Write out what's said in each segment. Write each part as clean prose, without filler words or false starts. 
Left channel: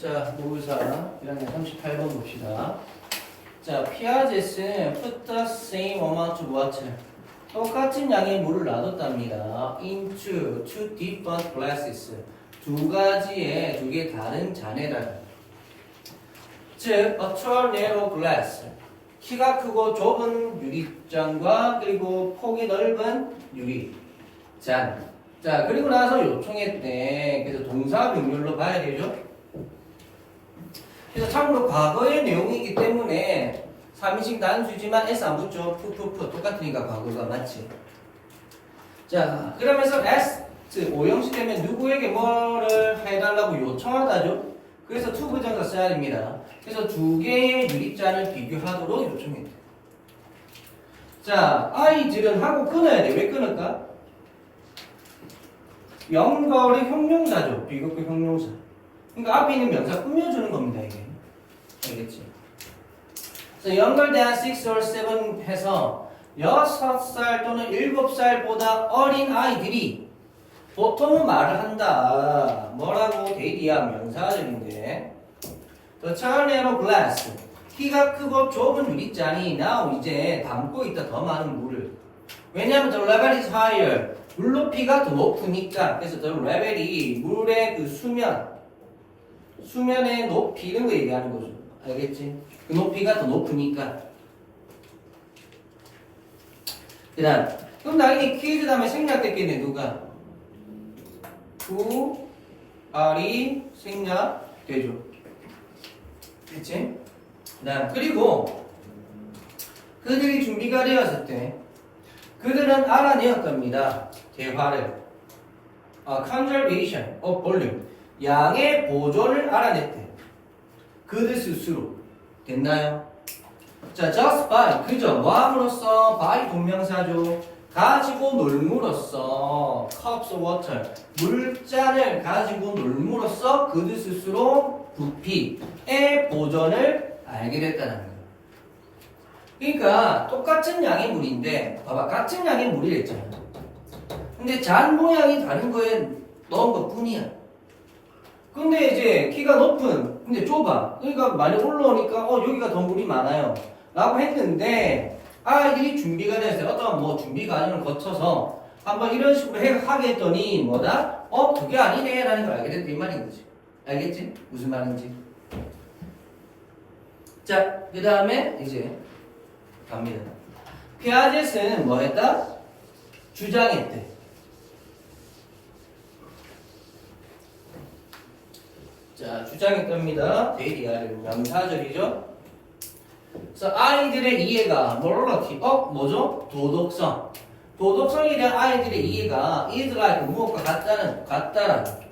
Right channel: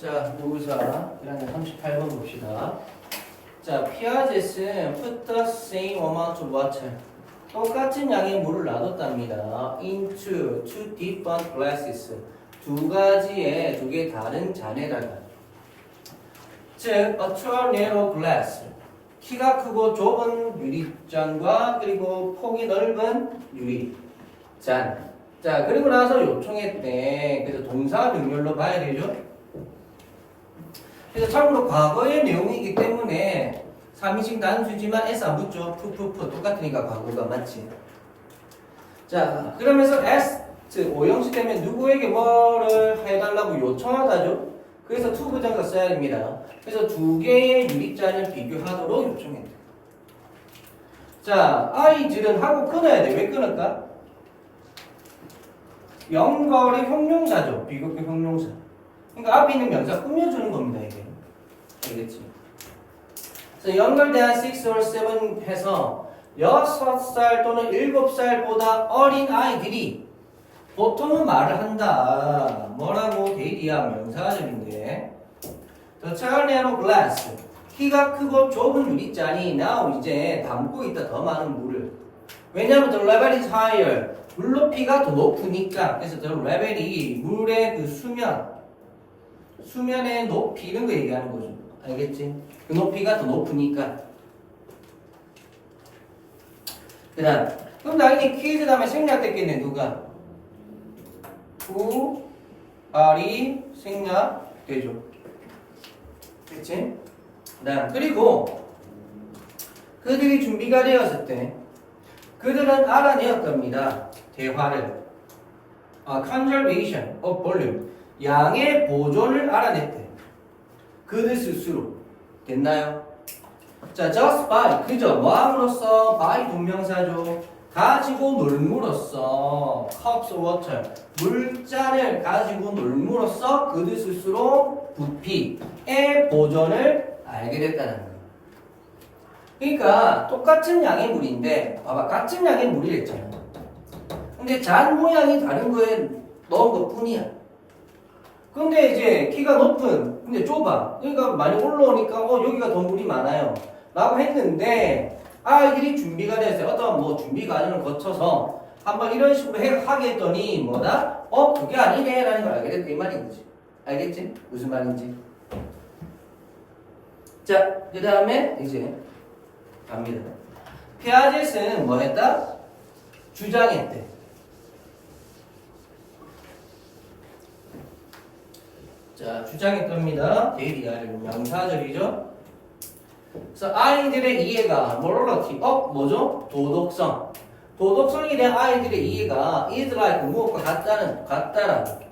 자, 모의사 1학년 38번 봅시다. 자, 피아제스는 put the same amount of water. 똑같은 양의 물을 놔뒀답니다. into two different glasses. 두 개 다른 잔에다가. 즉, a tall narrow glass. 키가 크고 좁은 유리잔과 그리고 폭이 넓은 유리잔. 자, 그리고 나서 요청했대. 그래서 동사 명렬로 봐야 되죠. 그래서 참고로 과거의 내용이기 때문에 3인칭 단수지만 S 안 붙죠. 푸푸푸 똑같으니까 과거가 맞지. 자, 그러면서 S 오형식 되면 누구에게 뭐를 해달라고 요청하다죠. 그래서 to 부정사 써야 됩니다. 그래서 두 개의 유리잔을 비교하도록 요청했다. 자, 아이들은 하고 끊어야 돼. 왜 끊을까? 연결의 형용사죠. 비교급 형용사. 그러니까 앞에 있는 명사 꾸며주는 겁니다. 이게. 알겠지? 그래서 연결대한 6 or 7 해서 6살 또는 7살보다 어린 아이들이 보통은 말을 한다. 뭐라고? 데이리야 명사절인데. The child narrow glass. 키가 크고 좁은 유리잔이 now 이제 담고 있다. 더 많은 물을. 왜냐하면 the level is higher. 물 높이가 더 높으니까. 그래서 the level이 물의 그 수면의 높이 이런 거 얘기하는 거죠. 알겠지? 그 높이가 더 높으니까. 그 다음 그럼 당연히 퀴즈 다음에 생략됐겠네. 누가? who, are이 생략되죠. 그치? 그 다음 그리고 그들이 준비가 되었을 때 그들은 알아내었답니다. 대화를 conservation of volume 양의 보존을 알아냈대. 그들 스스로. 됐나요? 자, just by 그저 뭐함으로써 by 동명사죠. 가지고 놀므로써 cups of water 물잔을 가지고 놀므로써 그들 스스로 부피의 보존을 알게 됐다는 거예요. 그러니까 똑같은 양의 물인데 봐봐 같은 양의 물이랬잖아. 근데 잔 모양이 다른 거에 넣은 것 뿐이야. 근데 이제 키가 높은 근데 좁아. 그러니까 많이 올라오니까 여기가 더 물이 많아요 라고 했는데 아이들이 준비가 됐어요. 어떤 뭐 준비 과정을 거쳐서 한번 이런 식으로 하게 했더니 뭐다? 그게 아니네 라는 걸 알게 됐다 이 말인 거지. 알겠지? 무슨 말인지. 자, 그 다음에 이제 갑니다. 피아제스는 뭐 했다? 주장했대. 자, 주장했답니다. 데이리아를 명사절이죠. 그래서 아이들의 이해가 morality, 뭐죠? 도덕성. 도덕성에 대한 아이들의 이해가 is like 무엇과 같다라는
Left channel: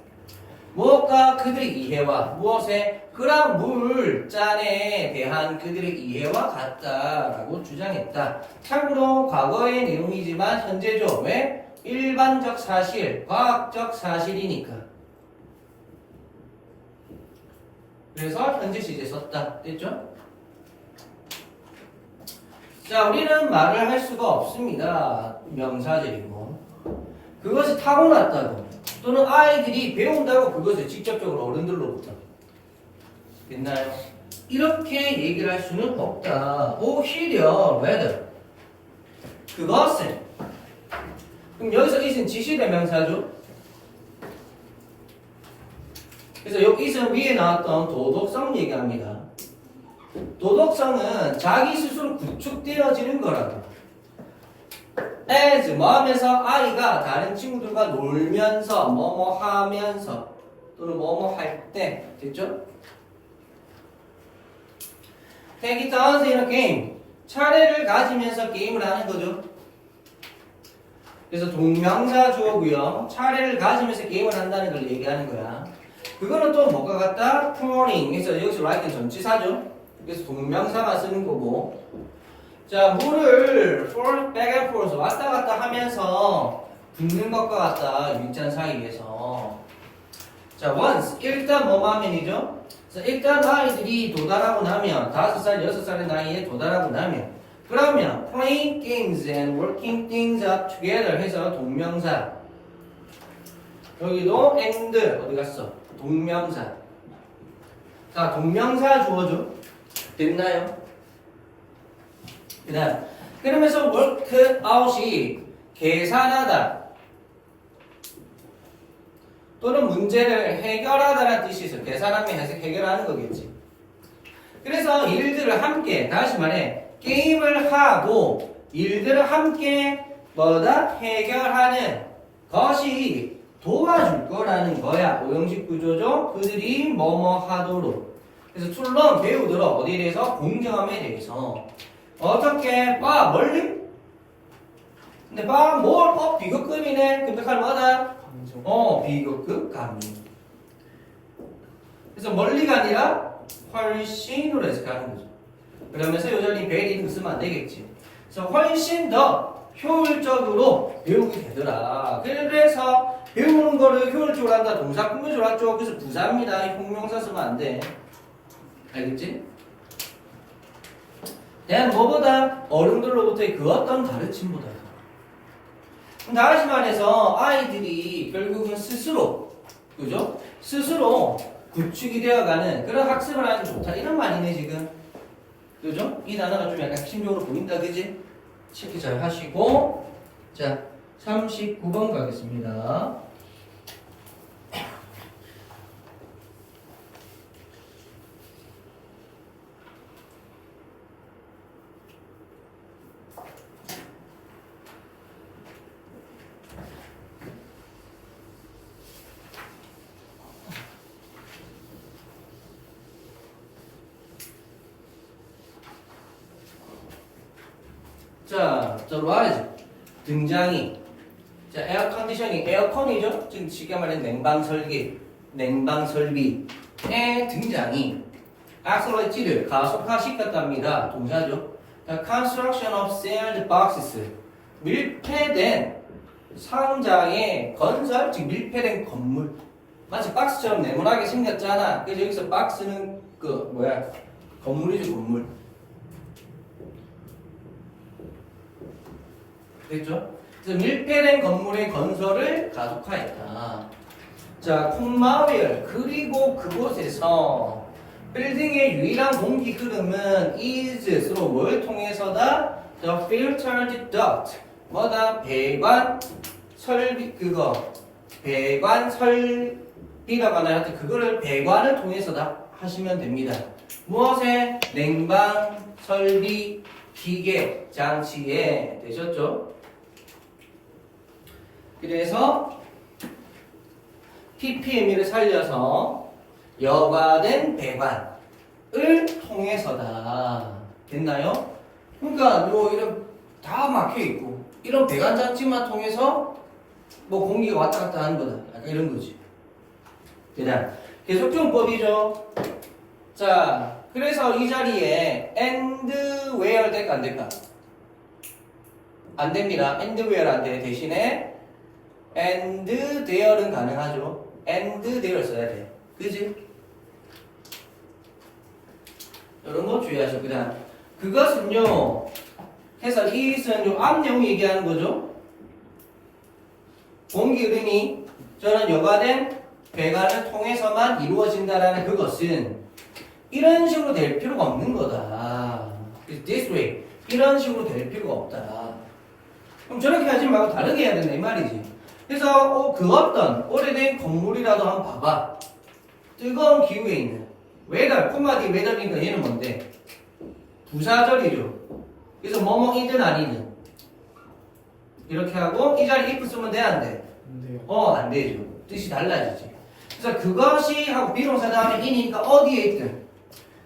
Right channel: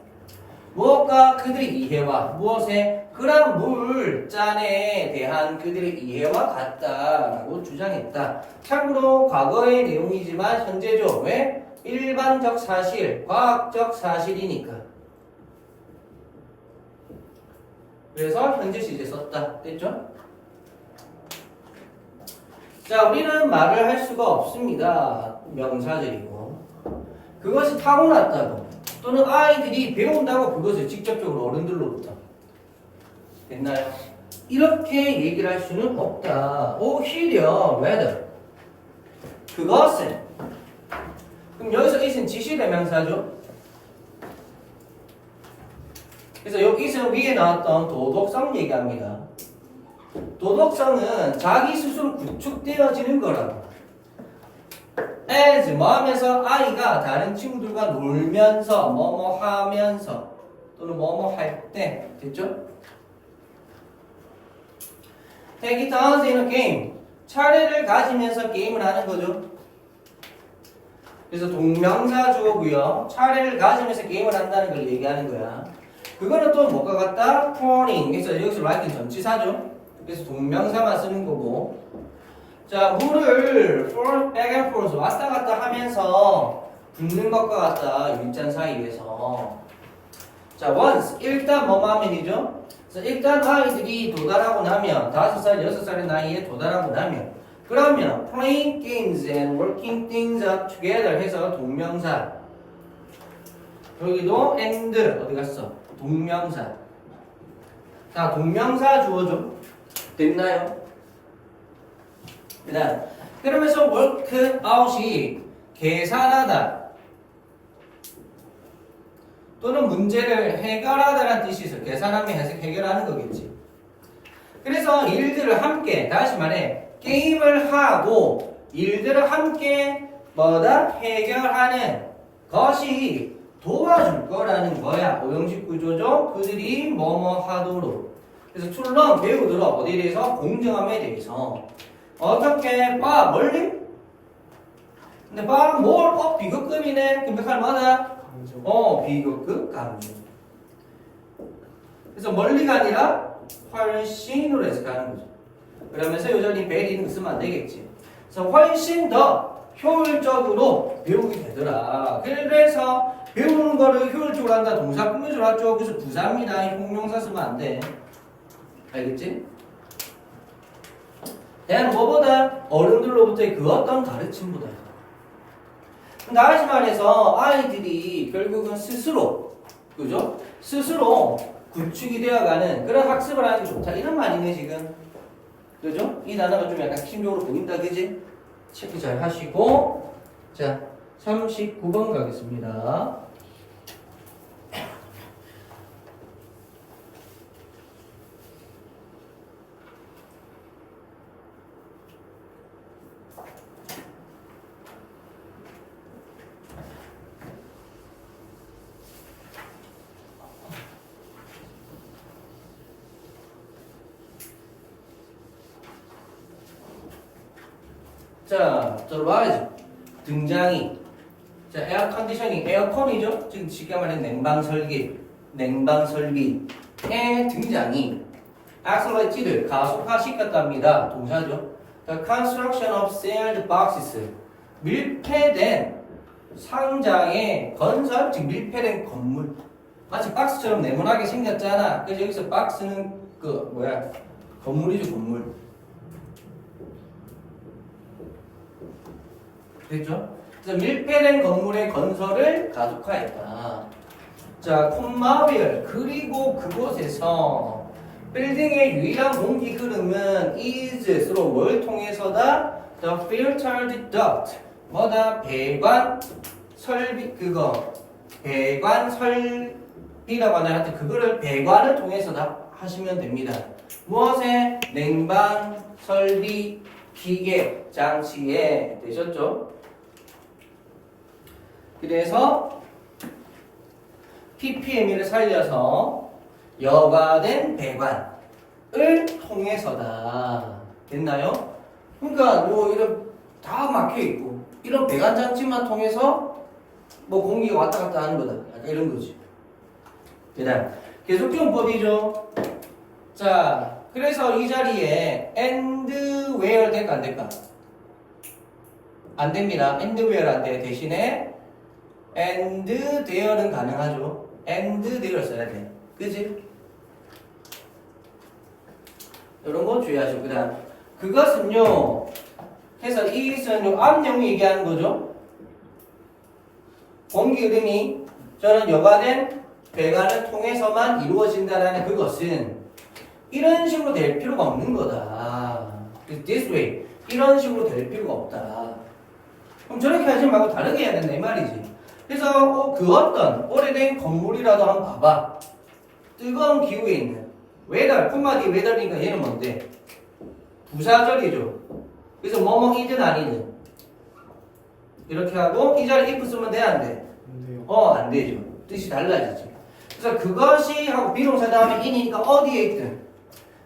무엇과 그들의 이해와 무엇에 그런 물잔에 대한 그들의 이해와 같다라고 주장했다. 참고로 과거의 내용이지만 현재죠. 왜? 일반적 사실, 과학적 사실이니까. 그래서 현재 시제 썼다. 됐죠? 자, 우리는 말을 할 수가 없습니다. 명사절이고. 그것이 타고났다고 또는 아이들이 배운다고 그것을 직접적으로 어른들로부터. 됐나요? 이렇게 얘기를 할 수는 없다. 오히려 rather 그것은 그럼 여기서 it은 지시대명사죠. 그래서 여기 it은 위에 나왔던 도덕성 얘기합니다. 도덕성은 자기 스스로 구축되어지는 거라고. as 뭐 하면서 아이가 다른 친구들과 놀면서 뭐뭐 하면서 또는 뭐뭐 할 때. 됐죠? take it turns in a game. 차례를 가지면서 게임을 하는 거죠. 그래서 동명사 주어고요. 차례를 가지면서 게임을 한다는 걸 얘기하는 거야. 그거는 또 뭐가 같다? playing. 그래서 여기서 like는 전치사죠. 그래서 동명사만 쓰는 거고. 자, 물을 back and forth 왔다 갔다 하면서 붓는 것과 같다. 유리잔 사이에서. 자, once 일단 뭐만 하면이죠? 그래서 일단 아이들이 도달하고 나면 5살, 6살의 나이에 도달하고 나면 그러면 playing games and working things up together 해서 동명사. 여기도 and 어디 갔어? 동명사. 자, 동명사 주어줘. 됐나요? 그다음 그러면서 work out이 계산하다 또는 문제를 해결하다라는 뜻이 있어. 계산하면 해결하는 거겠지. 그래서 일들을 함께, 다시 말해 게임을 하고 일들을 함께 뭐다? 해결하는 것이 도와줄 거라는 거야. 오형식 구조죠. 그들이 뭐뭐 하도록. 그래서 툴런 배우도록 어디에 대해서? 공정함에 대해서. 어떻게? 빠 멀리? 근데 빠 뭘? 비급급이네. 금백할 뭐다? 비급급 감정. 그래서 멀리가 아니라 훨씬으로 해서 가는 거죠. 그러면서 요전히 베리는 쓰면 안 되겠지. 그래서 훨씬 더 효율적으로 배우게 되더라. 그래서 배우는 거를 효율적으로 한다. 동사 꾸며주로 하죠. 그래서 부사입니다. 형용사 쓰면 안 돼. 알겠지? 대한 뭐보다? 어른들로부터의 그 어떤 가르침보다. 다시 말해서 아이들이 결국은 스스로, 그죠? 스스로 구축이 되어가는 그런 학습을 하는 게 좋다. 이런 말이네, 지금. 그죠? 이 단어가 좀 약간 심적으로 보인다, 그지? 체크 잘 하시고. 자, 39번 가겠습니다. 자, the rise 등장이. 자, 에어 컨디셔닝, 에어컨이죠. 지금 쉽게 말해 냉방 설비의 등장이 accelerate를 가속화시켰답니다. 동사죠. The construction of sealed boxes 밀폐된 상자의 건설, 즉 밀폐된 건물. 마치 박스처럼 네모나게 생겼잖아. 그래서 여기서 박스는 그 뭐야? 건물이죠, 건물. 됐죠? 그래서 밀폐된 건물의 건설을 가속화했다. 자, 콤마웰 그리고 그곳에서 빌딩의 유일한 공기 흐름은 is로 뭘 통해서다? The filtered duct 뭐다? 배관 설비 배관 설비라고 하나요? 하여튼 그거를 배관을 통해서다 하시면 됩니다. 무엇에? 냉방 설비 기계 장치에 되셨죠? 그래서 PPM을 살려서 여과된 배관을 통해서다. 됐나요? 그러니까 뭐 이런 다 막혀 있고 이런 배관 장치만 통해서 뭐 공기가 왔다 갔다 하는 거다. 약간 이런 거지. 그다음 계속적용법이죠. 자, 그래서 이 자리에 and where 될까 안 될까? 안 됩니다. and where 안 돼. 대신에 and there는 가능하죠. and there 써야 돼. 그지? 이런 거 주의하시고. 그다음 그것은요. 그래서 이것은 요 앞 내용이 얘기하는 거죠. 공기 흐름이 저는 여과된 배관을 통해서만 이루어진다라는 그것은 이런 식으로 될 필요가 없는 거다. This way. 이런 식으로 될 필요가 없다. 그럼 저렇게 하지 말고 다르게 해야 된다 이 말이지. 그래서 그 어떤 오래된 건물이라도 한번 봐봐. 뜨거운 기후에 있는 웨더, 콤마디 웨더니까 얘는 뭔데? 부사절이죠. 그래서 뭐뭐이든 아니든 이렇게 하고 이 자리 if 쓰면 돼 안 돼? 안 돼요. 안 되죠. 뜻이 달라지지. 그래서 그것이 하고 비동사 다음에 in이니까 어디에 있든.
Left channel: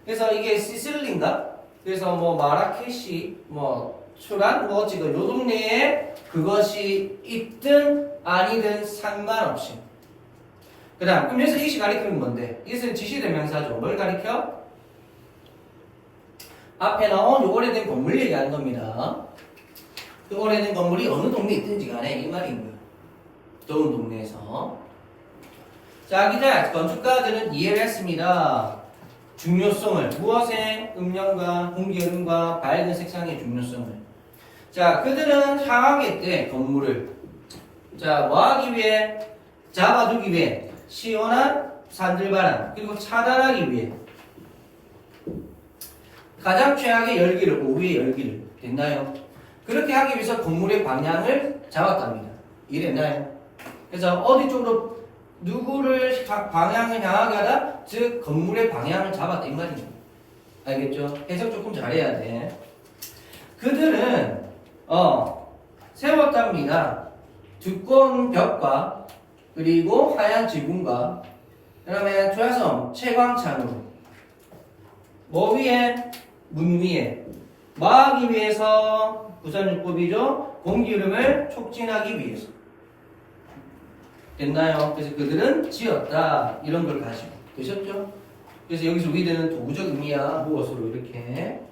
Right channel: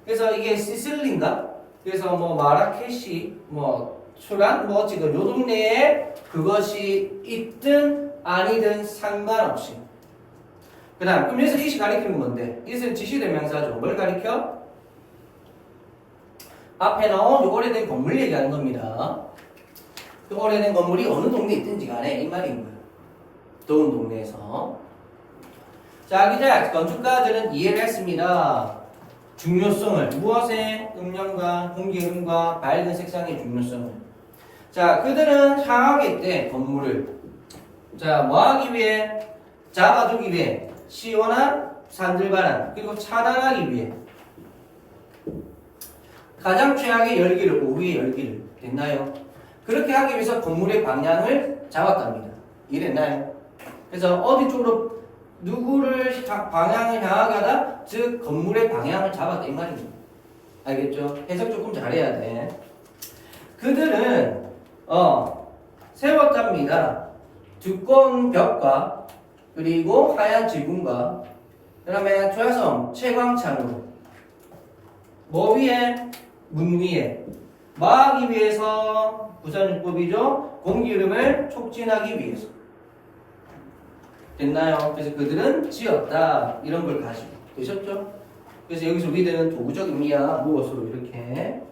그래서 이게 시슬린가? 그래서 뭐 마라케시 뭐 출한 뭐 지금 요 동네에 그것이 있든 아니든 상관없이. 그 다음 그럼 여기서 이시 가리키는 건데 이것은 지시대명사죠. 뭘 가리켜? 앞에 나온 요 오래된 건물 얘기하는 겁니다. 그 오래된 건물이 어느 동네에 있든지 간에 이 말인 거예요. 더운 동네에서. 자, 기자 건축가들은 이해를 했습니다. 중요성을 무엇의 음량과 공기흐름과 밝은 색상의 중요성을. 자, 그들은 향하겠대 건물을. 자, 뭐하기 위해? 잡아두기 위해 시원한 산들바람 그리고 차단하기 위해 가장 최악의 열기를, 우위의 열기를. 됐나요? 그렇게 하기 위해서 건물의 방향을 잡았답니다. 이랬나요? 그래서 어디 쪽으로 누구를 방향을 향하게 하다? 즉 건물의 방향을 잡았다 이 말입니다. 알겠죠? 해석 조금 잘해야 돼. 그들은 세웠답니다. 두꺼운 벽과 그리고 하얀 지붕과 그다음에 좌석 채광창으로 뭐 위에? 문 위에 뭐하기 위해서? 부산요법이죠. 공기 흐름을 촉진하기 위해서. 됐나요? 그래서 그들은 지었다 이런 걸 가지고 되셨죠? 그래서 여기서 위대는 도구적 의미야. 무엇으로 이렇게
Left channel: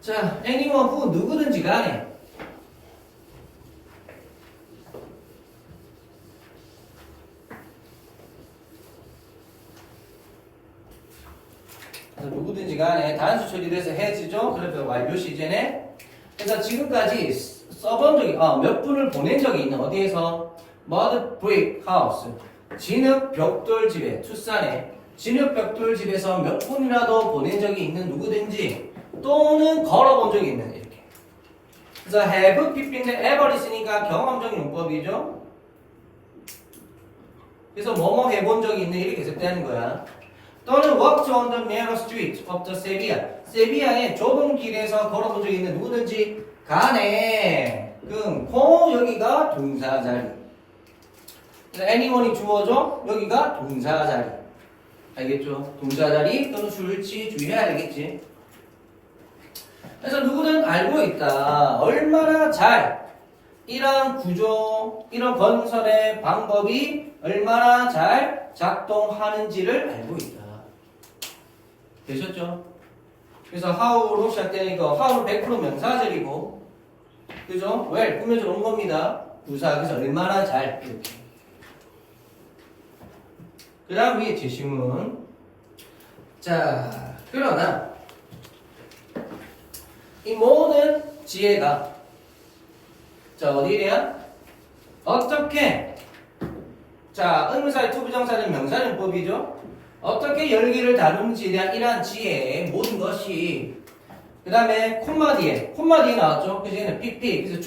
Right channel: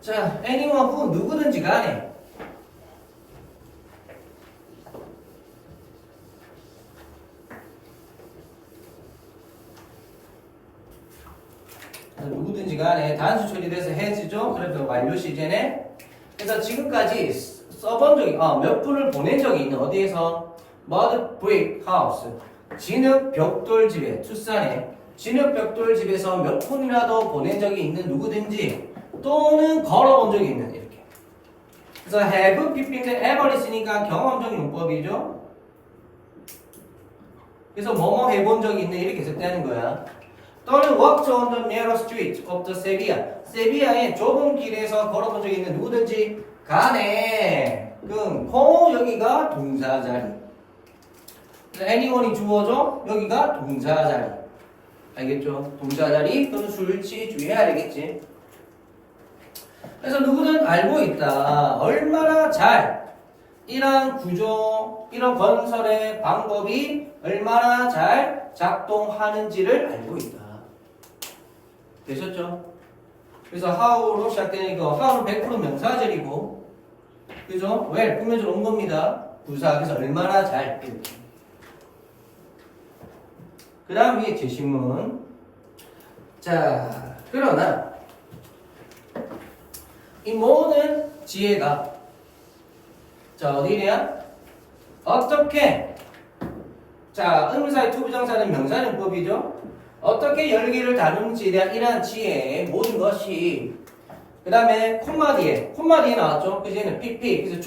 자, anyone who 누구든지 간에 누구든지 간에 단수 처리돼서 has죠. 그래서 완료 시제네. 그래서 지금까지 써본 적이 몇 분을 보낸 적이 있는 어디에서? mud brick house 진흙 벽돌집에 투싼에 진흙 벽돌집에서 몇 분이라도 보낸 적이 있는 누구든지 또는 걸어본 적이 있는 이렇게. 그래서 have, pp인데 ever 있으니까 경험적 용법이죠. 그래서 뭐뭐 해본 적이 있는 이렇게 해석되는 거야. 또는 walked on the narrow street of the Sevilla. 세비야의 좁은 길에서 걸어본 적이 있는 누구든지 간에 여기가 동사 자리. 그래서 anyone이 주어져 여기가 동사 자리. 알겠죠? 동사 자리 또는 술치 주의해야 되겠지. 그래서 누구든 알고 있다. 얼마나 잘 이런 구조, 이런 건설의 방법이 얼마나 잘 작동하는지를 알고 있다. 되셨죠? 그래서 how로 시작되니까 how는 100% 명사절이고, 그죠? 왜? 꾸며져 온 겁니다. 부사. 그래서 얼마나 잘. 그 다음 위에 제시문. 자, 그러나 이 모든 지혜가 자 어디래요? 어떻게 자 의문사의 투부정사는 명사용법이죠. 어떻게 열기를 다루는지에 대한 이러한 지혜의 모든 것이 그 다음에 콤마 뒤에 나왔죠. 그 뒤에는 PP 그래서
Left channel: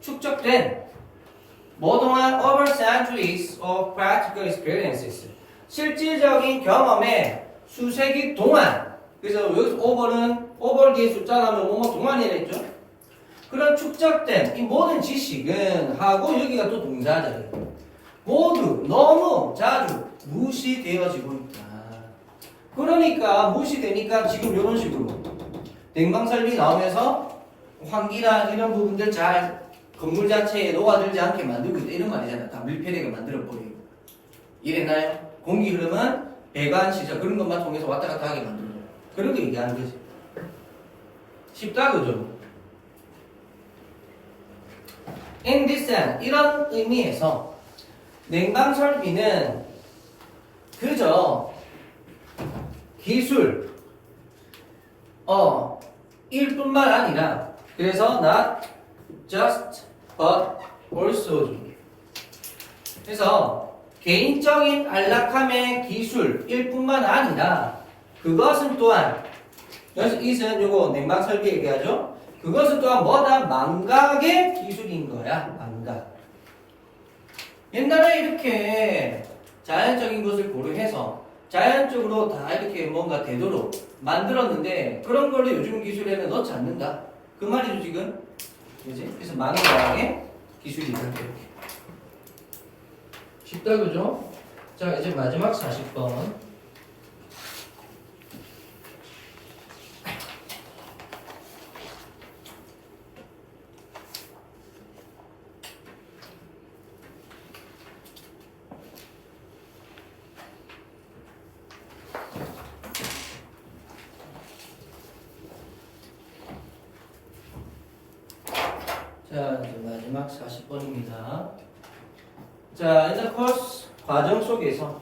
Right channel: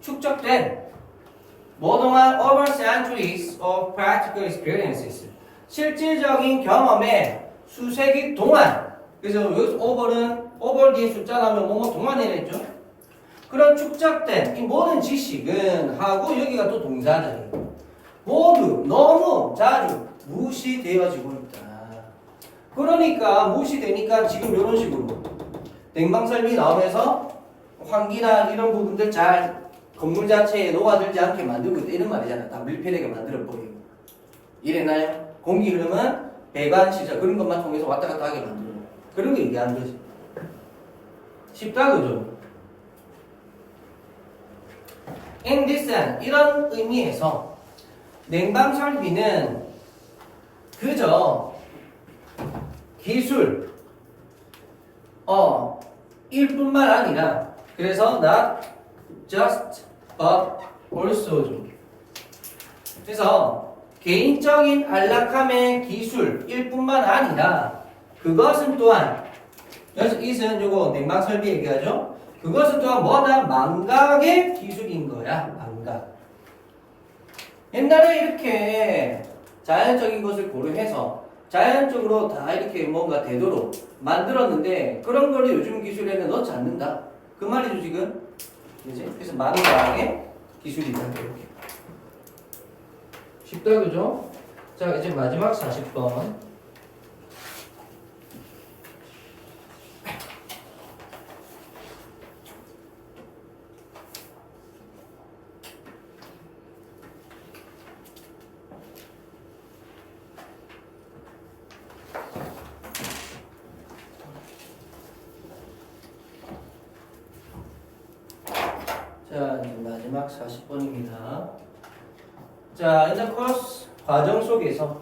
축적된 뭐동안 over centuries of practical experiences 실질적인 경험의 수세기 동안 그래서 여기서 over 뒤에 숫자 나오면 뭐뭐 동안이라 했죠. 그런 축적된 이 모든 지식은 하고 여기가 또 동사들이에요. 모두 너무 자주 무시되어지고 있다. 그러니까 무시되니까 지금 이런 식으로 냉방설비 나오면서 환기나 이런 부분들 잘 건물 자체에 녹아들지 않게 만들고 있다 이런 말이잖아요. 다 밀폐되게 만들어버리고 이랬나요? 공기 흐름은 배관 시설 그런 것만 통해서 왔다 갔다 하게 만들고 그런 거 얘기하는 거지. 쉽다 그죠? In this sense, 이런 의미에서 냉방설비는 그저 기술 일 뿐만 아니라 그래서 not just but also 그래서 개인적인 안락함의 기술일 뿐만 아니라 그것은 또한 여기서 is는 요거 냉방설비 얘기하죠. 그것은 또한 뭐다? 망각의 기술인 거야. 망각. 옛날에 이렇게 자연적인 것을 고려해서 자연적으로 다 이렇게 뭔가 되도록 만들었는데 그런 거를 요즘 기술에는 넣지 않는다. 그 말이죠 지금. 그지? 그래서 망각의 기술이 있는 거예요. 쉽다 그죠? 자 이제 마지막 40번. 자, 이제 마지막 40번입니다. 자, 이제 코र्स 과정 속에서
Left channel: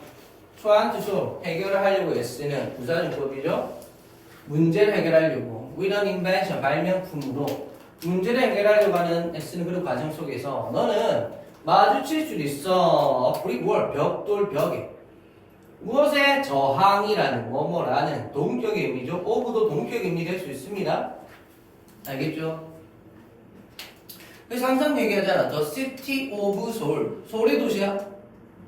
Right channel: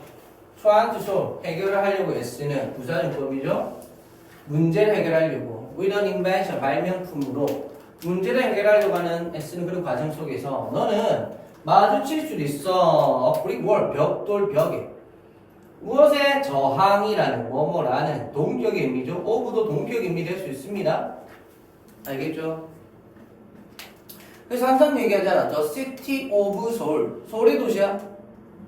초안투소 해결을 하려고 애쓰는 부사용법이죠. 문제를 해결하려고 with an invention 발명품으로 문제를 해결하려고 하는 애쓰는 그런 과정 속에서 너는 마주칠 수도 있어. 브릭월 벽돌 벽에. 무엇에 저항이라는 뭐뭐라는 동격의 의미죠. 오브도 동격의 의미 될 수 있습니다. 알겠죠? 그래서 항상 얘기하잖아. The city of Seoul. 서울이 도시야?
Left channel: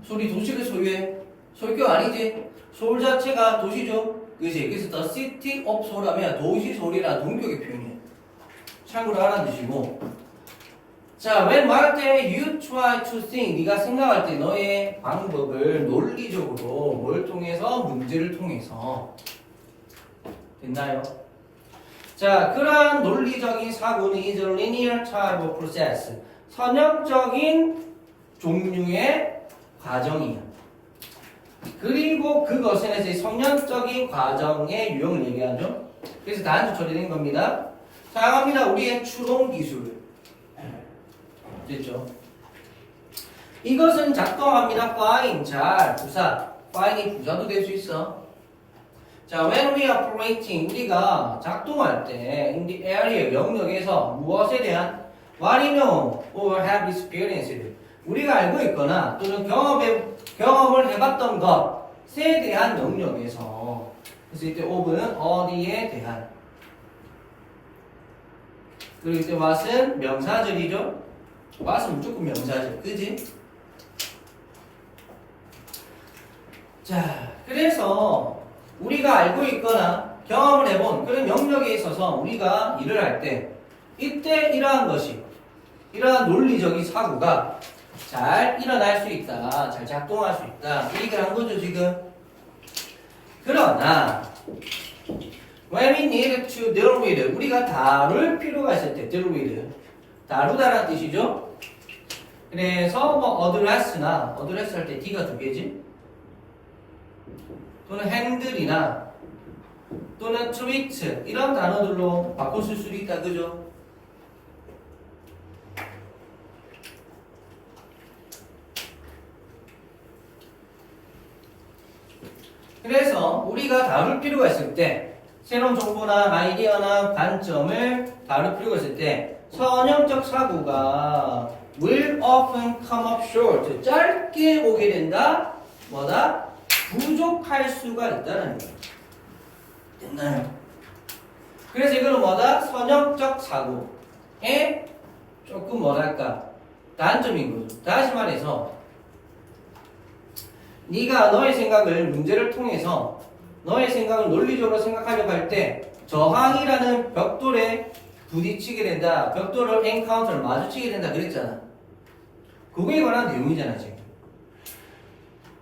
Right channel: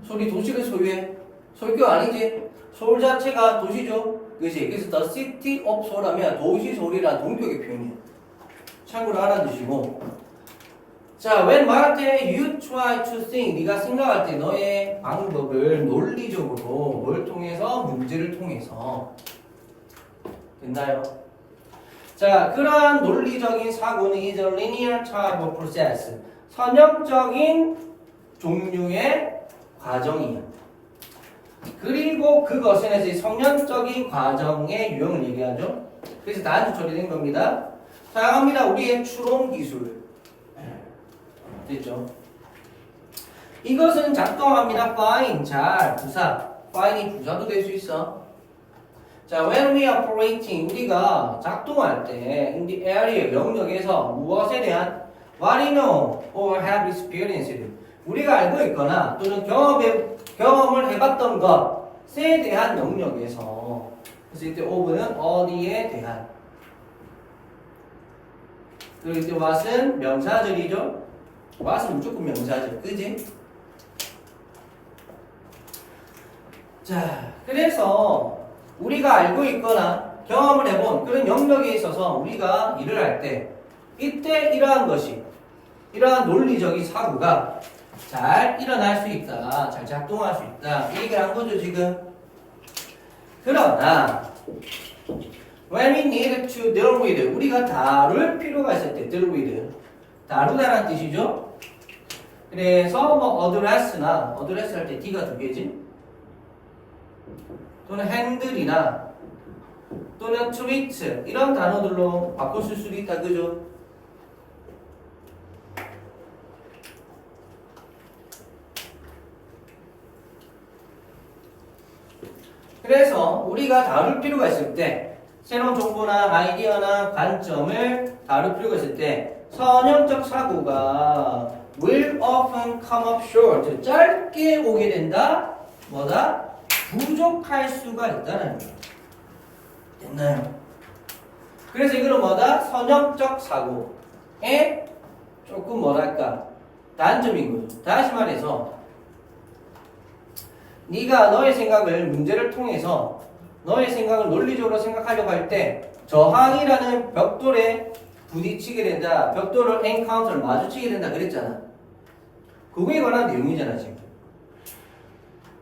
서울이 도시를 소유해? 소유격 아니지? 서울 자체가 도시죠? 그치? 그래서 The city of Seoul 하면 도시 서울이라는 동격의 표현이야. 참고로 알아두시고. 자, when 말할 때 you try to think, 네가 생각할 때 너의 방법을 논리적으로 뭘 통해서? 문제를 통해서. 됐나요? 자, 그러한 논리적인 사고는 is a linear type of process. 선형적인 종류의 과정이야. 그리고 그것은 이제 선형적인 과정의 유형을 얘기하죠. 그래서 단수 처리된 겁니다. 사용합니다. 우리의 추론 기술. 됐죠? 이것은 작동합니다. fine, 잘, 부사. fine이 부사도 될 수 있어. 자, when we are operating, 우리가 작동할 때 in the area, 영역에서 무엇에 대한 what we know or have experienced, 우리가 알고 있거나 또는 경험을 해봤던 것에 대한 영역에서, 그래서 이때 of는 어디에 대한, 그리고 이때 what은 명사절이죠. what은 무조건 명사절, 그지? 자, 그래서 우리가 알고 있거나 경험을 해본 그런 영역에 있어서 우리가 일을 할 때 이때 이러한 것이, 이러한 논리적인 사고가 잘 일어날 수 있다, 잘 작동할 수 있다, 이 얘기를 한 거죠 지금. 그러나 when we need to deal with, 우리가 다룰 필요가 있을 때 deal with, 다루다라는 뜻이죠. 그래서 뭐 address나 address 할 때 D가 두 개지, 또는 핸들이나 또는 트리트 이런 단어들로 바꿔 쓸 수도 있다, 그죠? 그래서 우리가 다룰 필요가 있을 때, 새로운 정보나 아이디어나 관점을 다룰 필요가 있을 때 선형적 사고가 will often come up short, 짧게 오게 된다. 뭐다? 부족할 수가 있다는 거예요. 됐나요? 그래서 이거는 뭐다? 선형적 사고의 조금 뭐랄까 단점인 거죠. 다시 말해서 네가 너의 생각을 문제를 통해서 너의 생각을 논리적으로 생각하려고 할 때 저항이라는 벽돌에 부딪히게 된다. 벽돌을 엔카운터를 마주치게 된다 그랬잖아. 그거에 관한 내용이잖아 지금.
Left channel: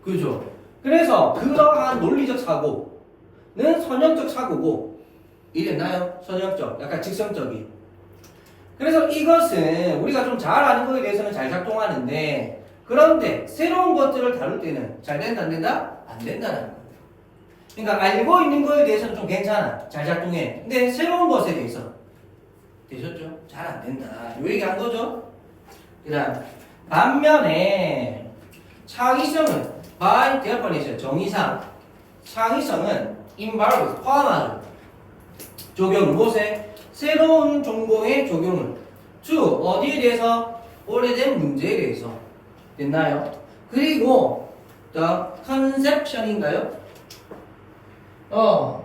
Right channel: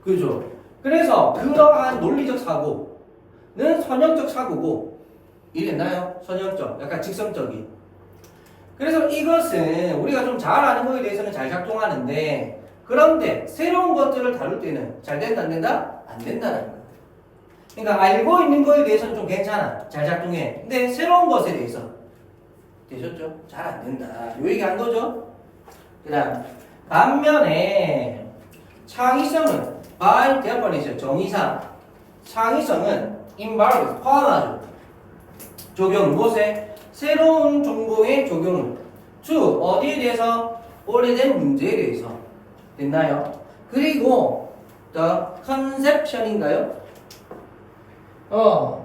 그죠? 그래서 그러한 논리적 사고는 선형적 사고고, 이해됐나요? 선형적, 약간 직선적인. 그래서 이것은 우리가 좀 잘 아는 거에 대해서는 잘 작동하는데, 그런데 새로운 것들을 다룰 때는 잘 된다 안 된다? 안 된다는 거예요. 그러니까 알고 있는 거에 대해서는 좀 괜찮아, 잘 작동해. 근데 새로운 것에 대해서 되셨죠? 잘 안 된다. 요 얘기 한 거죠? 그다음 반면에 창의성은 by definition, 정의상 창의성은 involves, 포함하죠. 적용, 무엇에? 새로운 정보의 적용을 to, 어디에 대해서? 오래된 문제에 대해서. 됐나요? 그리고 the conception인가요?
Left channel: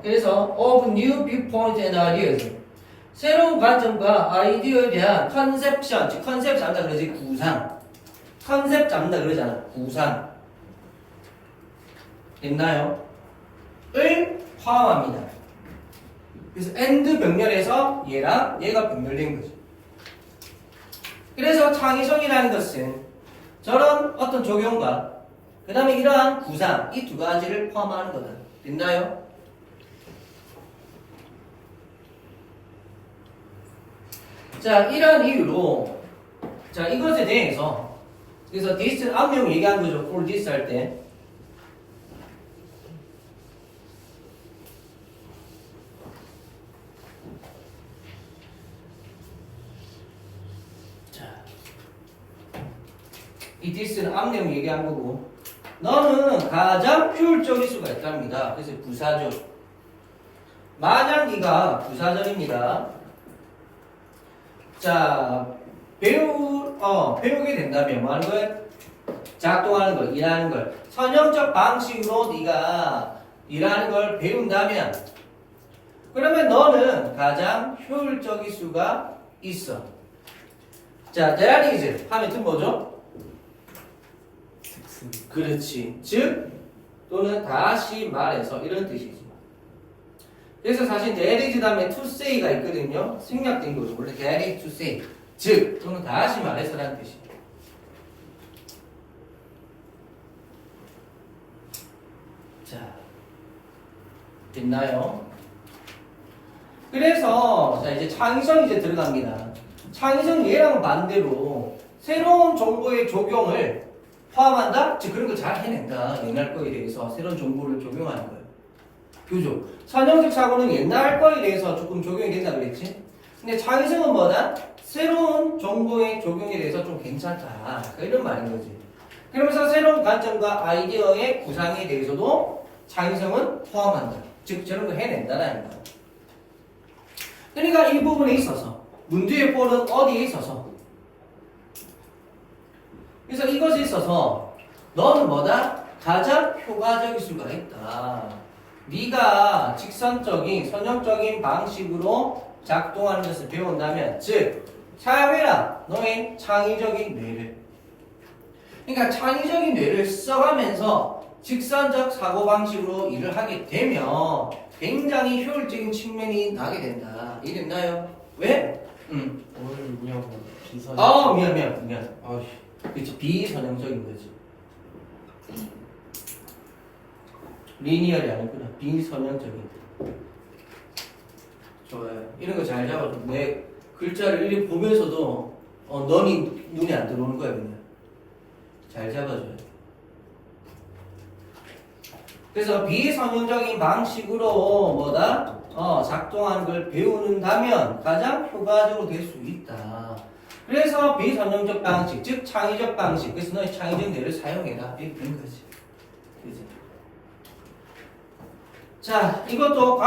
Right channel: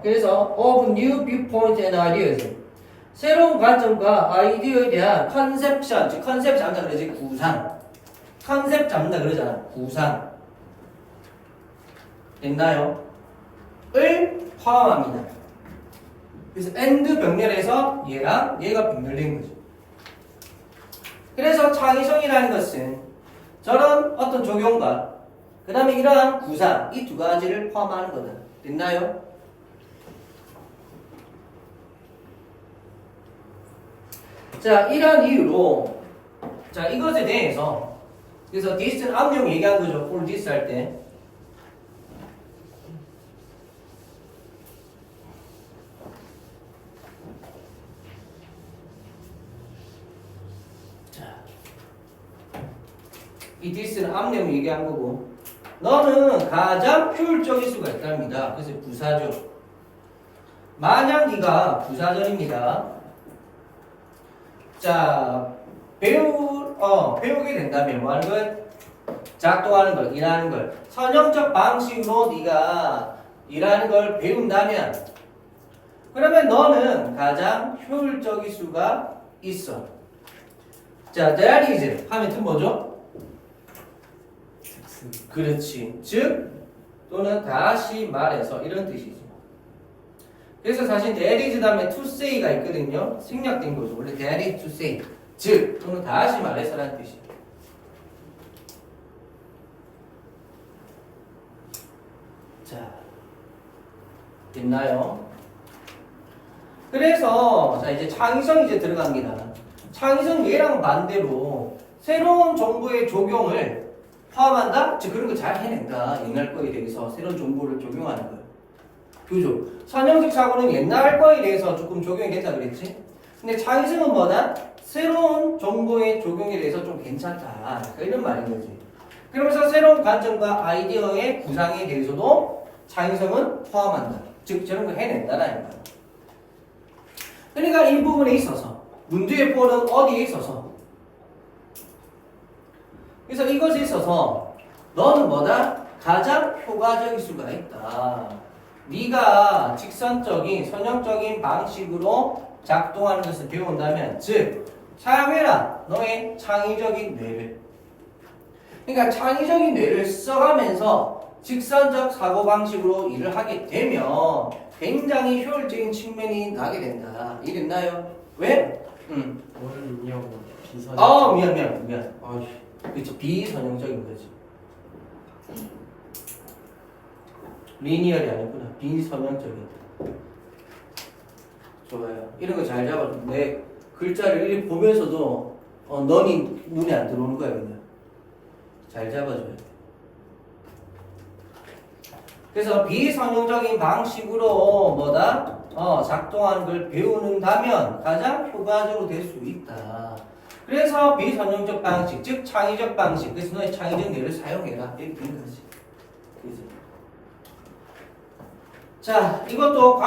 그래서 of new viewpoint and ideas, 새로운 관점과 아이디어에 대한 conception, 즉 컨셉 잡는다 그러지, 구상. 컨셉 잡는다 그러잖아, 구상. 됐나요? 을 포함합니다. 그래서 and 병렬에서 얘랑 얘가 병렬된 거지. 그래서 창의성이라는 것은 저런 어떤 적용과 그 다음에 이러한 구상, 이 두 가지를 포함하는 거다. 됐나요? 자, 이런 이유로 자, 이것에 대해서 그래서 this는 암용 얘기한 거죠. for this 할 때. 이 this는 암용 얘기한 거고, 너는 가장 효율적일 수가 있답니다. 그래서 부사죠. 만약 네가 부사절입니다. 자, 배우게 된다면 뭐 하는 걸? 작동하는 걸, 일하는 걸 선형적 방식으로 네가 일하는 걸 배운다면 그러면 너는 가장 효율적일 수가 있어. 자, that is 하면 뜻 뭐죠? 그렇지. 즉 또는 다시 말해서 이런 뜻이지. 그래서 사실 that is 다음에 to say가 있거든요. 생략된 거죠. 원래 that is to say. 즉 또는 다시 말해서라는 뜻이에요. 자, 됐나요? 그래서 자 이제 창의성 이제 들어갑니다. 창의성 얘랑 반대로 새로운 정보의 적용을 포함한다? 즉 그런 거 잘 해낸다. 옛날 거에 대해서 새로운 정보를 적용하는 거예요. 그죠? 선형적 사고는 옛날 거에 대해서 조금 적용이 된다 그랬지? 근데 창의성은 뭐다? 새로운 정보의 적용에 대해서 좀 괜찮다. 이런 말인 거지. 그러면서 새로운 관점과 아이디어의 구상에 대해서도 창의성은 포함한다. 즉 저런 거 해낸다라는 거야. 그러니까 이 부분에 있어서 문제의 폴은 어디에 있어서? 그래서 이것에 있어서 너는 뭐다? 가장 효과적일 수가 있다. 네가 직선적인 선형적인 방식으로 작동하는 것을 배운다면 즉 사용해라 너의 창의적인 뇌를. 그러니까 창의적인 뇌를 써가면서 직선적 사고방식으로 일을 하게 되면 굉장히 효율적인 측면이 나게 된다. 이해됐나요? 왜? 오늘 미역 비선. 미안. 그렇지. 비선형적인 거지. 리니얼이 아니구나. 비선형적인. 좋아요. 이런 거 잘 잡아줘. 왜 글자를 일일이 보면서도 너니 눈에 안 들어오는 거야 그냥. 잘 잡아줘요. 그래서 비선형적인 방식으로 뭐다? 작동하는 걸 배우는다면 가장 효과적으로 될 수 있다. 그래서 비선형적 방식, 즉 창의적 방식. 그래서 너의 창의적 뇌를 사용해라. 이렇게 된 거지. 그죠? 자, 이것도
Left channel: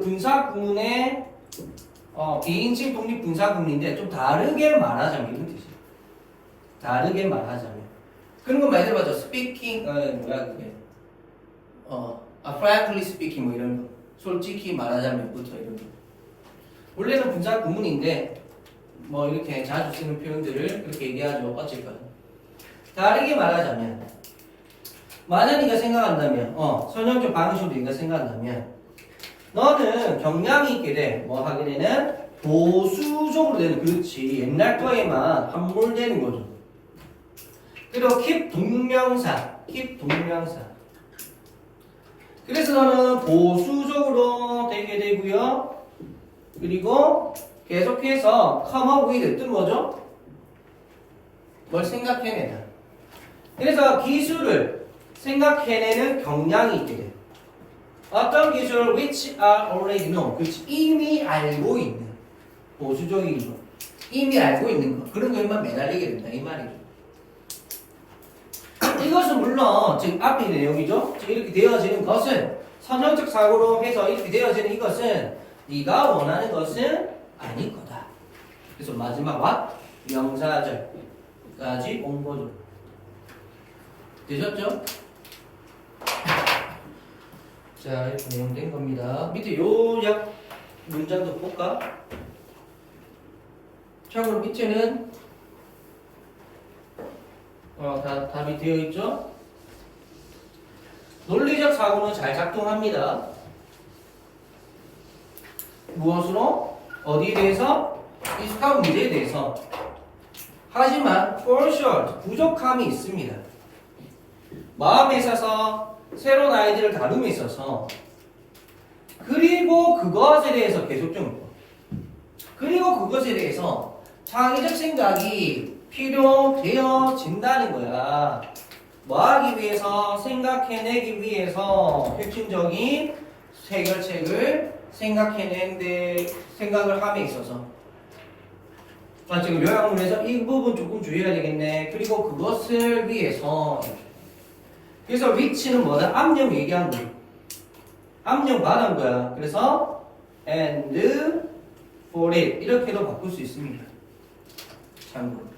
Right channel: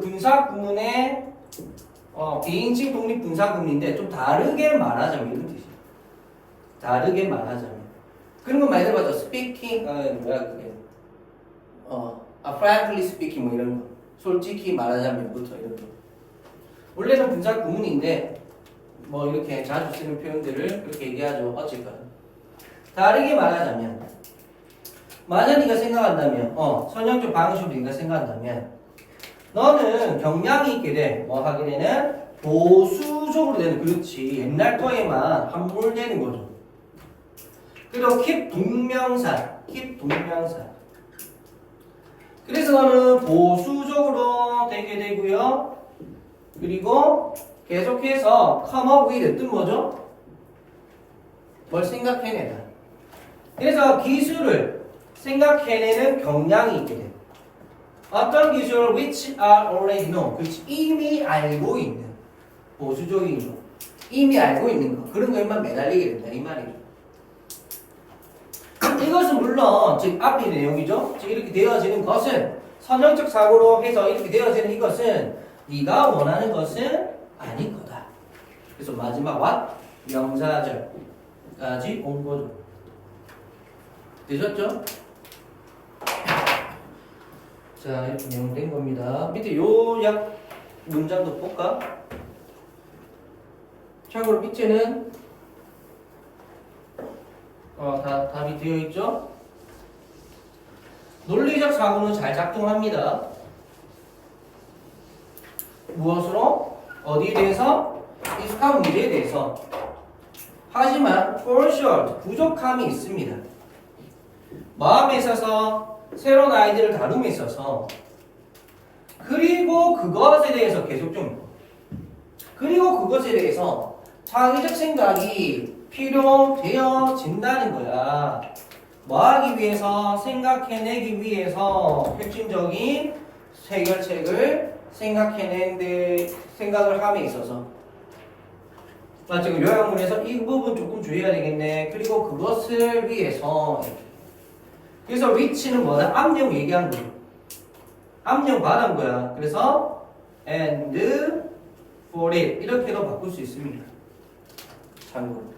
분사 구문의 비인칭 독립 분사 구문인데 좀 다르게 말하자면 이런 뜻이에요. 다르게 말하자면 그런 거 많이 들어봤죠. speaking, frankly speaking 뭐 이런 거. 솔직히 말하자면부터 이런 거. 원래는 분사 구문인데 뭐 이렇게 자주 쓰는 표현들을 그렇게 얘기하죠. 어쨌거나 다르게 말하자면 만약 네가 생각한다면 선형적 방식으로 네가 생각한다면 너는 경향이 있게 돼. 뭐 하기에는 보수적으로 되는. 그렇지. 옛날 거에만 함몰되는 거죠. 그리고 keep 동명사. 그래서 너는 보수적으로 되게 되고요. 그리고 계속해서 come up with 뜻 뭐죠? 뭘 생각해내다. 그래서 기술을 생각해내는 경향이 있게 돼요. 어떤 기술 which are already known. 그렇지. 이미 알고 있는. 보수적인 거. 이미 알고 있는 거. 그런 거에만 매달리게 된다. 이 말이죠. 이것은 물론 지금 앞에 있는 내용이죠. 지금 이렇게 되어지는 것은 선형적 사고로 해서 이렇게 되어지는 이것은 네가 원하는 것은 아닐 거다. 그래서 마지막 what? 명사절까지 온 거죠. 되셨죠? 자, 이렇게 내용 된 겁니다. 밑에 요약 문장도 볼까? 참고로 밑에는 다 답이 되어 있죠? 논리적 사고는 잘 작동합니다. 무엇으로? 어디에 대해서? 익숙한 문제에 대해서. 하지만 for sure 부족함이 있습니다. 마음에 있어서 새로운 아이디어를 다룸에 있어서 그리고 그것에 대해서 계속적으로 그리고 그것에 대해서 창의적 생각이 필요되어진다는 거야. 뭐 하기 위해서? 생각해내기 위해서 핵심적인 해결책을 생각해내는데 생각을 함에 있어서 지금 요약문에서 이 부분 조금 주의해야 되겠네. 그리고 그것을 위해서 그래서 which는 뭐다? 암령 얘기한 거야. 암령 받은 거야. 그래서 and for it 이렇게도 바꿀 수 있습니다. 잔고